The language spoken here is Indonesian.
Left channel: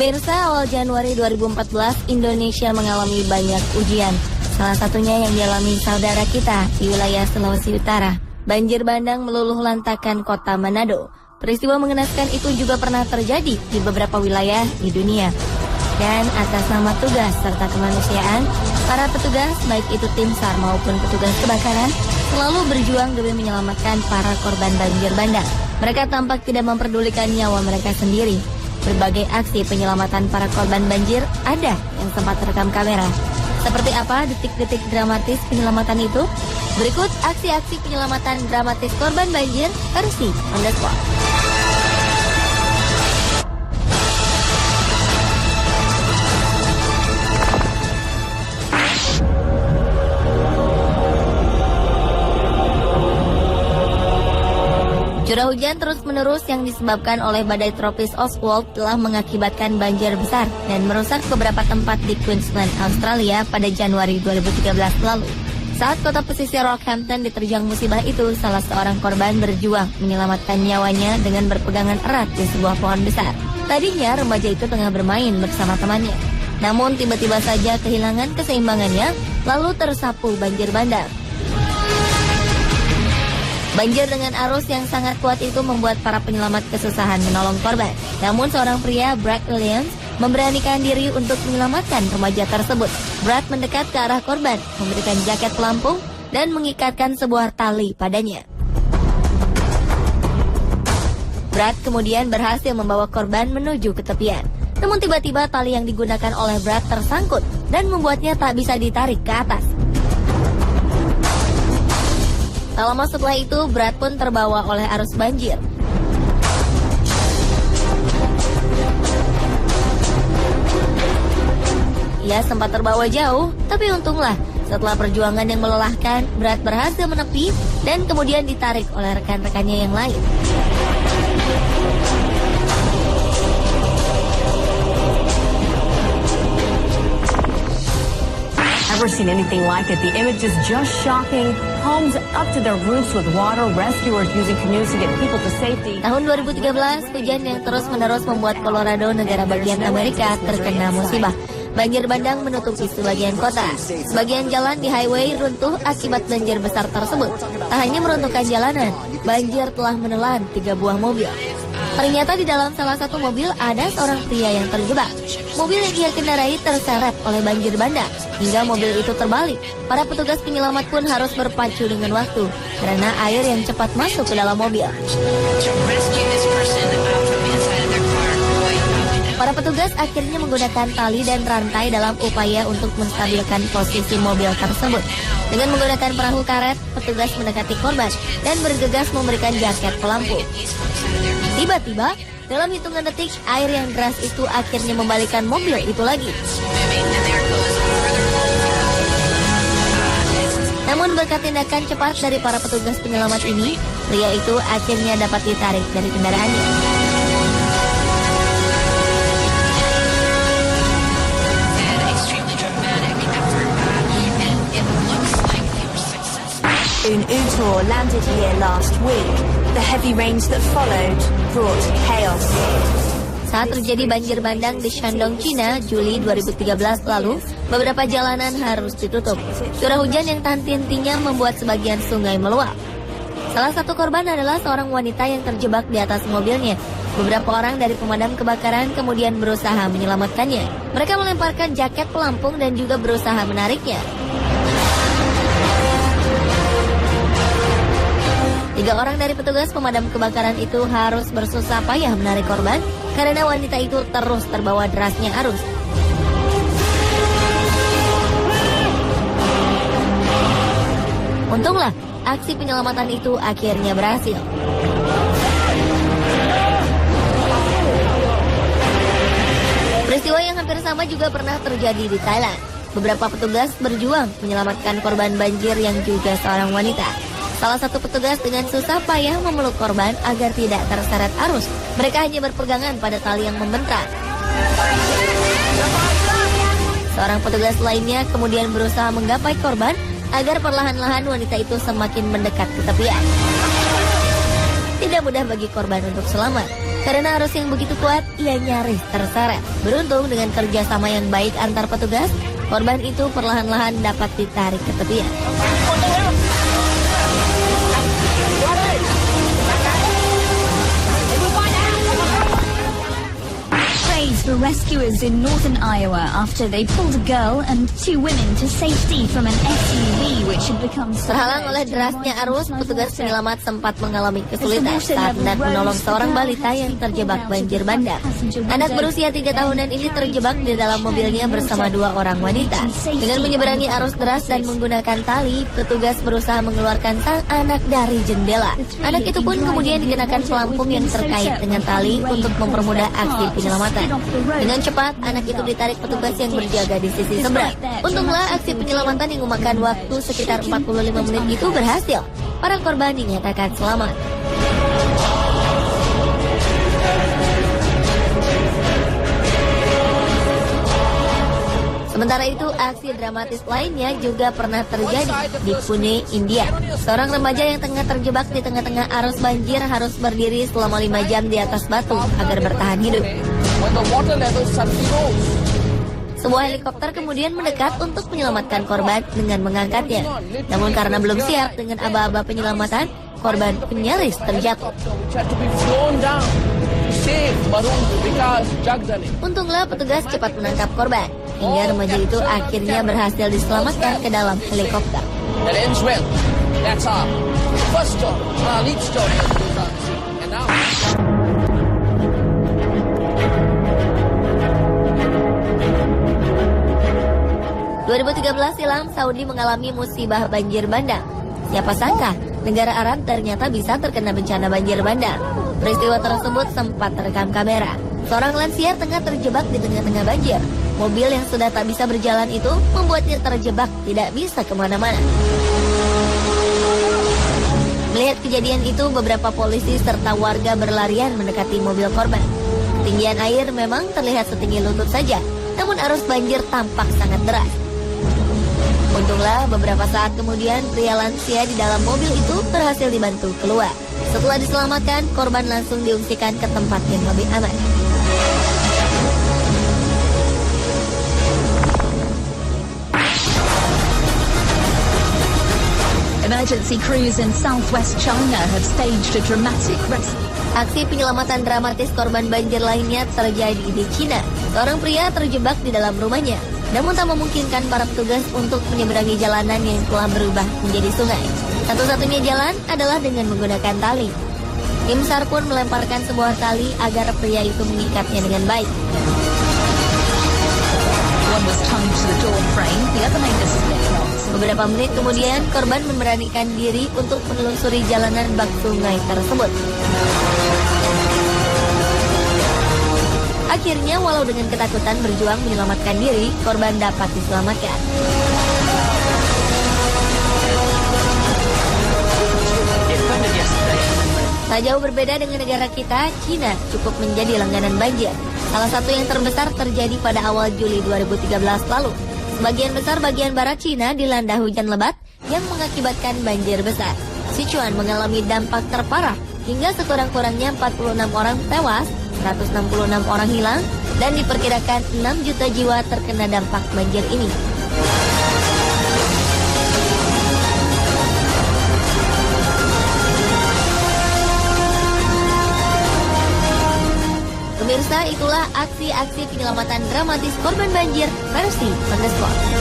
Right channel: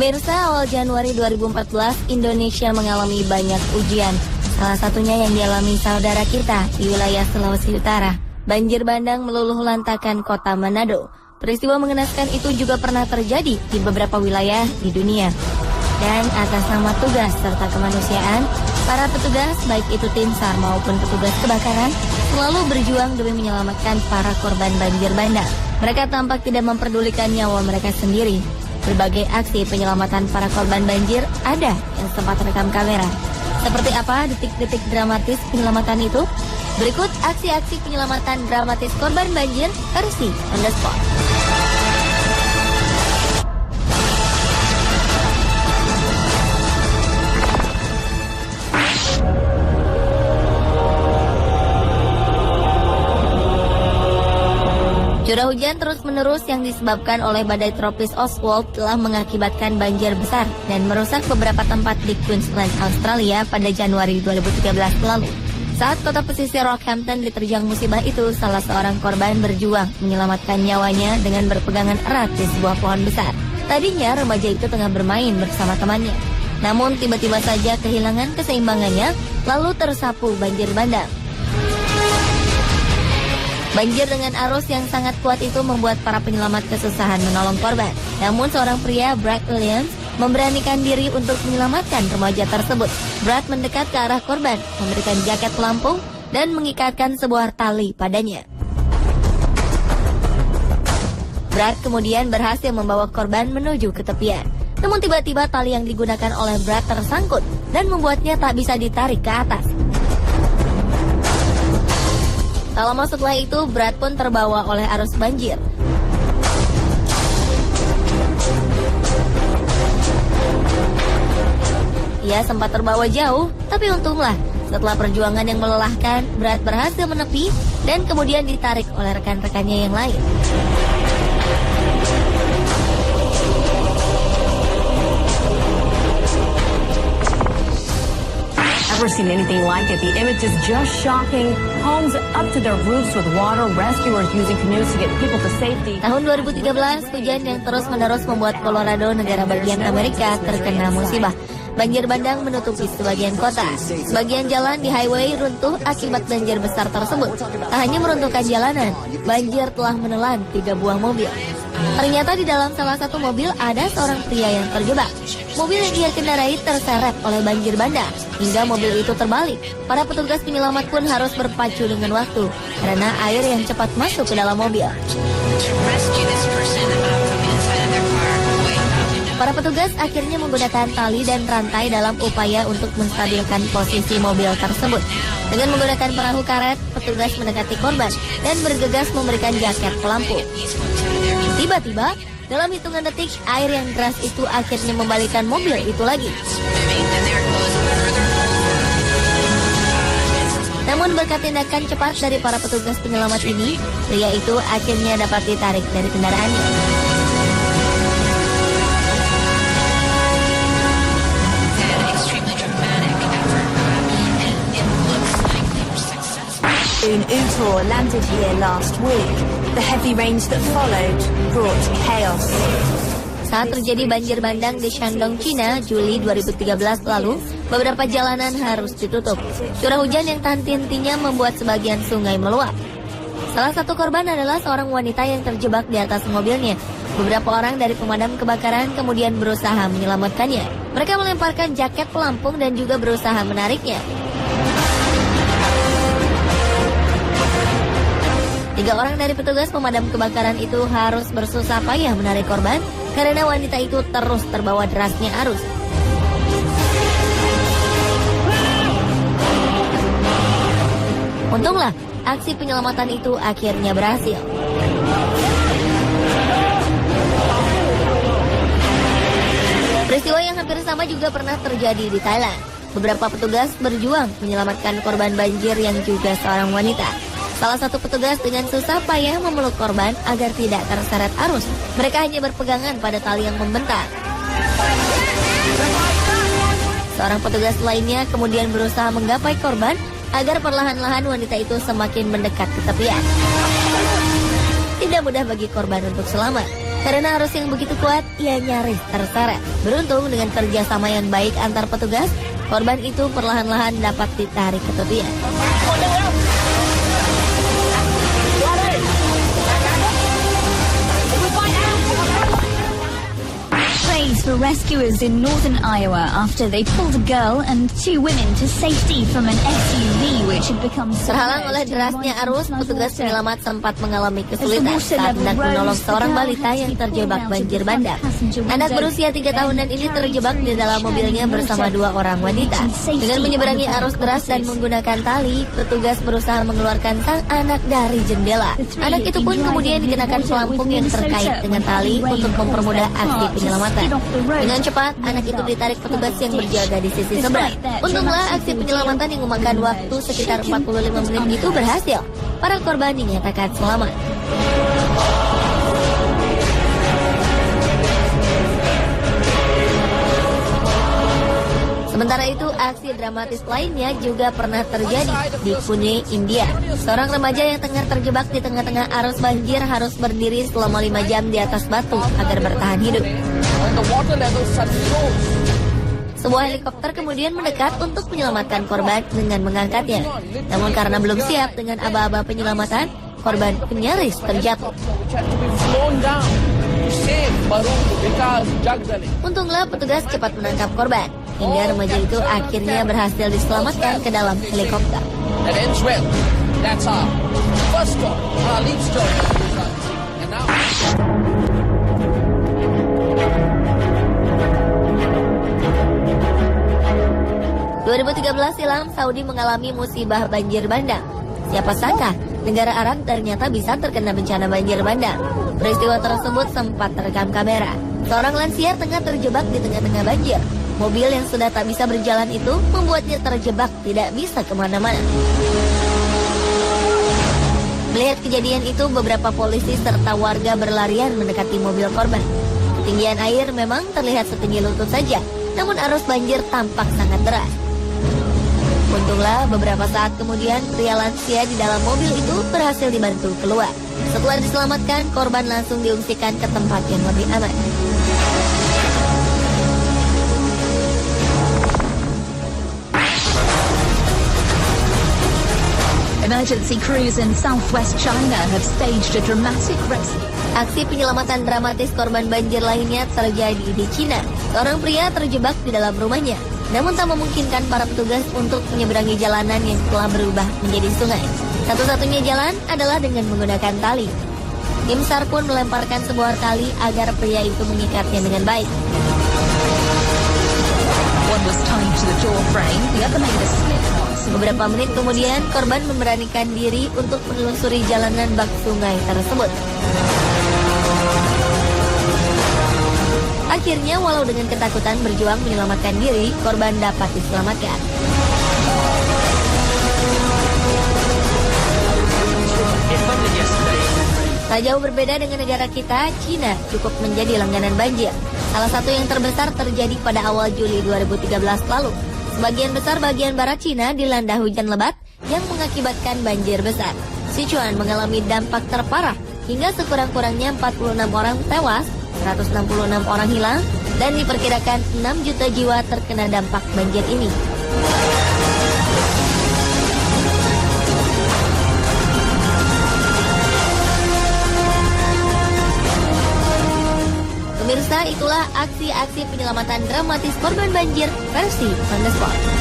Pemirsa, awal Januari 2014, Indonesia mengalami banyak ujian. Salah satunya yang dialami saudara kita di wilayah Sulawesi Utara. Banjir bandang meluluh lantakan kota Manado. Peristiwa mengenaskan itu juga pernah terjadi di beberapa wilayah di dunia. Dan atas nama tugas serta kemanusiaan, para petugas, baik itu tim SAR maupun petugas kebakaran, selalu berjuang demi menyelamatkan para korban banjir bandang. Mereka tampak tidak memperdulikan nyawa mereka sendiri. Berbagai aksi penyelamatan para korban banjir ada yang sempat terekam kamera. Seperti apa detik-detik dramatis penyelamatan itu? Berikut aksi-aksi penyelamatan dramatis korban banjir versi on the spot. Curah hujan terus-menerus yang disebabkan oleh badai tropis Oswald telah mengakibatkan banjir besar dan merusak beberapa tempat di Queensland, Australia pada Januari 2013 lalu. Saat kota pesisir Rockhampton diterjang musibah itu, salah seorang korban berjuang menyelamatkan nyawanya dengan berpegangan erat di sebuah pohon besar. Tadinya remaja itu tengah bermain bersama temannya. Namun tiba-tiba saja kehilangan keseimbangannya, lalu tersapu banjir bandang. Banjir dengan arus yang sangat kuat itu membuat para penyelamat kesusahan menolong korban. Namun seorang pria, Brad Williams, memberanikan diri untuk menyelamatkan remaja tersebut. Brad mendekat ke arah korban, memberikan jaket pelampung, dan mengikatkan sebuah tali padanya. Brad kemudian berhasil membawa korban menuju ke tepian. Namun tiba-tiba tali yang digunakan oleh Brad tersangkut dan membuatnya tak bisa ditarik ke atas. Tak lama setelah itu, Brad pun terbawa oleh arus banjir. Ia sempat terbawa jauh, tapi untunglah setelah perjuangan yang melelahkan, Brad berhasil menepi dan kemudian ditarik oleh rekan-rekannya yang lain. Never seen anything like it. The image is just shocking. Homes up to their roofs with water. Rescuers using canoes to get people to safety. Tahun 2013, hujan yang terus-menerus membuat Colorado, negara bagian Amerika, terkena musibah. Banjir bandang menutupi sebagian kota. Sebagian jalan di highway runtuh akibat banjir besar tersebut. Tak hanya meruntuhkan jalanan, banjir telah menelan 3 buah mobil. Ternyata di dalam salah satu mobil ada seorang pria yang terjebak. Mobil yang dia kendarai terseret oleh banjir bandang hingga mobil itu terbalik. Para petugas penyelamat pun harus berpacu dengan waktu karena air yang cepat masuk ke dalam mobil. Para petugas akhirnya menggunakan tali dan rantai dalam upaya untuk menstabilkan posisi mobil tersebut. Dengan menggunakan perahu karet, petugas mendekati korban dan bergegas memberikan jaket pelampung. Tiba-tiba, dalam hitungan detik, air yang deras itu akhirnya membalikkan mobil itu lagi. Namun berkat tindakan cepat dari para petugas penyelamat ini, pria itu akhirnya dapat ditarik dari kendaraannya. In Utah, landed here last week. The heavy rains that followed brought chaos. Saat terjadi banjir bandang di Shandong, China, Juli 2013 lalu, beberapa jalanan harus ditutup. Curah hujan yang tak henti-hentinya membuat sebagian sungai meluap. Salah satu korban adalah seorang wanita yang terjebak di atas mobilnya. Beberapa orang dari pemadam kebakaran kemudian berusaha menyelamatkannya. Mereka melemparkan jaket pelampung dan juga berusaha menariknya. 3 orang dari petugas pemadam kebakaran itu harus bersusah payah menarik korban karena wanita itu terus terbawa derasnya arus. Untunglah, aksi penyelamatan itu akhirnya berhasil. Peristiwa yang hampir sama juga pernah terjadi di Thailand. Beberapa petugas berjuang menyelamatkan korban banjir yang juga seorang wanita. Salah satu petugas dengan susah payah memeluk korban agar tidak terseret arus. Mereka hanya berpegangan pada tali yang membentang. Seorang petugas lainnya kemudian berusaha menggapai korban agar perlahan-lahan wanita itu semakin mendekat ke tepian. Tidak mudah bagi korban untuk selamat. Karena arus yang begitu kuat, ia nyaris terseret. Beruntung dengan kerjasama yang baik antar petugas, korban itu perlahan-lahan dapat ditarik ke tepian. Praise for rescuers in northern Iowa after they pulled a girl and 2 women to safety from an SUV which had become Terhalang oleh derasnya arus, petugas penyelamat sempat mengalami kesulitan saat hendak menolong seorang balita yang terjebak banjir bandang. Anak berusia 3 tahunan ini terjebak di dalam mobilnya bersama 2 orang wanita. Dengan menyeberangi arus deras dan menggunakan tali, petugas berusaha mengeluarkan sang anak dari jendela. Anak itu pun kemudian dikenakan pelampung yang terkait dengan tali untuk mempermudah aksi penyelamatan. Dengan cepat, anak itu ditarik petugas yang berjaga di sisi seberang. Untunglah aksi penyelamatan yang memakan waktu sekitar 45 menit itu berhasil. Para korban dinyatakan selamat. Sementara itu, aksi dramatis lainnya juga pernah terjadi di Pune, India. Seorang remaja yang tengah terjebak di tengah-tengah arus banjir harus berdiri selama 5 jam di atas batu agar bertahan hidup. Sebuah helikopter kemudian mendekat untuk menyelamatkan korban dengan mengangkatnya. Namun karena belum siap dengan aba-aba penyelamatan, korban nyaris terjatuh. Untunglah petugas cepat menangkap korban, hingga remaja itu akhirnya berhasil diselamatkan ke dalam helikopter. Silam, Saudi mengalami musibah banjir bandang. Siapa sangka negara Arab ternyata bisa terkena bencana banjir bandang. Peristiwa tersebut sempat terekam kamera. Seorang lansia tengah terjebak di tengah-tengah banjir. Mobil yang sudah tak bisa berjalan itu membuatnya terjebak, tidak bisa kemana-mana. Melihat kejadian itu, beberapa polisi serta warga berlarian mendekati mobil korban. Ketinggian air memang terlihat setinggi lutut saja, namun arus banjir tampak sangat deras. Untunglah beberapa saat kemudian pria lansia di dalam mobil itu berhasil dibantu keluar. Setelah diselamatkan, korban langsung diungsikan ke tempat yang lebih aman. Emergency crews in southwest China have staged a dramatic rescue. Aksi penyelamatan dramatis korban banjir lainnya terjadi di Cina. Seorang pria terjebak di dalam rumahnya, namun tak memungkinkan para petugas untuk menyeberangi jalanan yang telah berubah menjadi sungai. Satu-satunya jalan adalah dengan menggunakan tali. Tim SAR pun melemparkan sebuah tali agar pria itu mengikatnya dengan baik. One was tied to the door frame, the other made a slip knot. Beberapa menit kemudian, korban memberanikan diri untuk menelusuri jalanan bak sungai tersebut. Akhirnya, walau dengan ketakutan berjuang menyelamatkan diri, korban dapat diselamatkan. Tak jauh berbeda dengan negara kita, Cina cukup menjadi langganan banjir. Salah satu yang terbesar terjadi pada awal Juli 2013 lalu. Sebagian besar bagian barat Cina dilanda hujan lebat yang mengakibatkan banjir besar. Sichuan mengalami dampak terparah hingga sekurang-kurangnya 46 orang tewas, 166 orang hilang, dan diperkirakan 6 juta jiwa terkena dampak banjir ini. Pemirsa, itulah aksi-aksi penyelamatan dramatis korban banjir versi Panas Sport.